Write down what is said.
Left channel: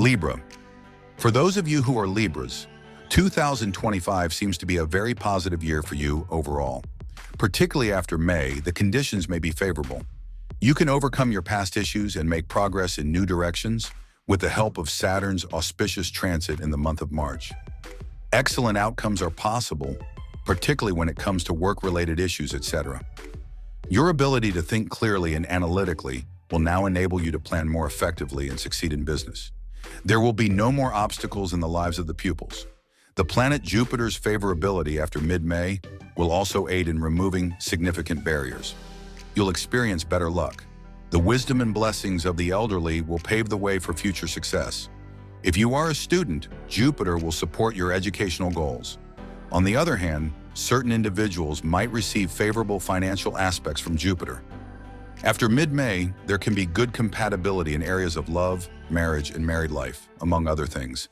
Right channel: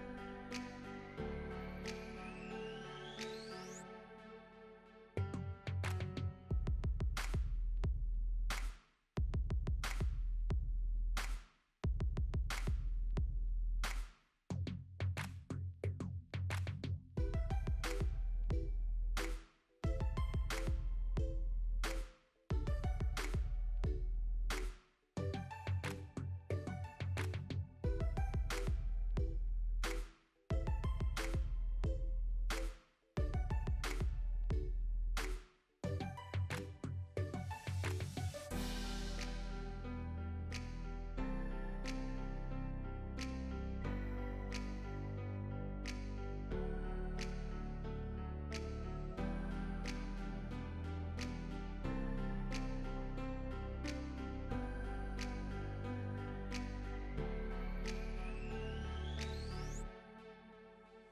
Libra. For those of you who are Libras, 2025 seems to be a very positive year for you overall. Particularly after May, the conditions may be favorable. You can overcome your past issues and make progress in new directions with the help of Saturn's auspicious transit in the month of March. Excellent outcomes are possible, particularly when it comes to work-related issues, etc. Your ability to think clearly and analytically will now enable you to plan more effectively and succeed in business. There will be no more obstacles in the lives of the pupils. The planet Jupiter's favorability after mid-May will also aid in removing significant barriers. You'll experience better luck. The wisdom and blessings of the elderly will pave the way for future success. If you are a student, Jupiter will support your educational goals. On the other hand, certain individuals might receive favorable financial aspects from Jupiter. After mid-May, there can be good compatibility in areas of love, marriage, and married life, among other things.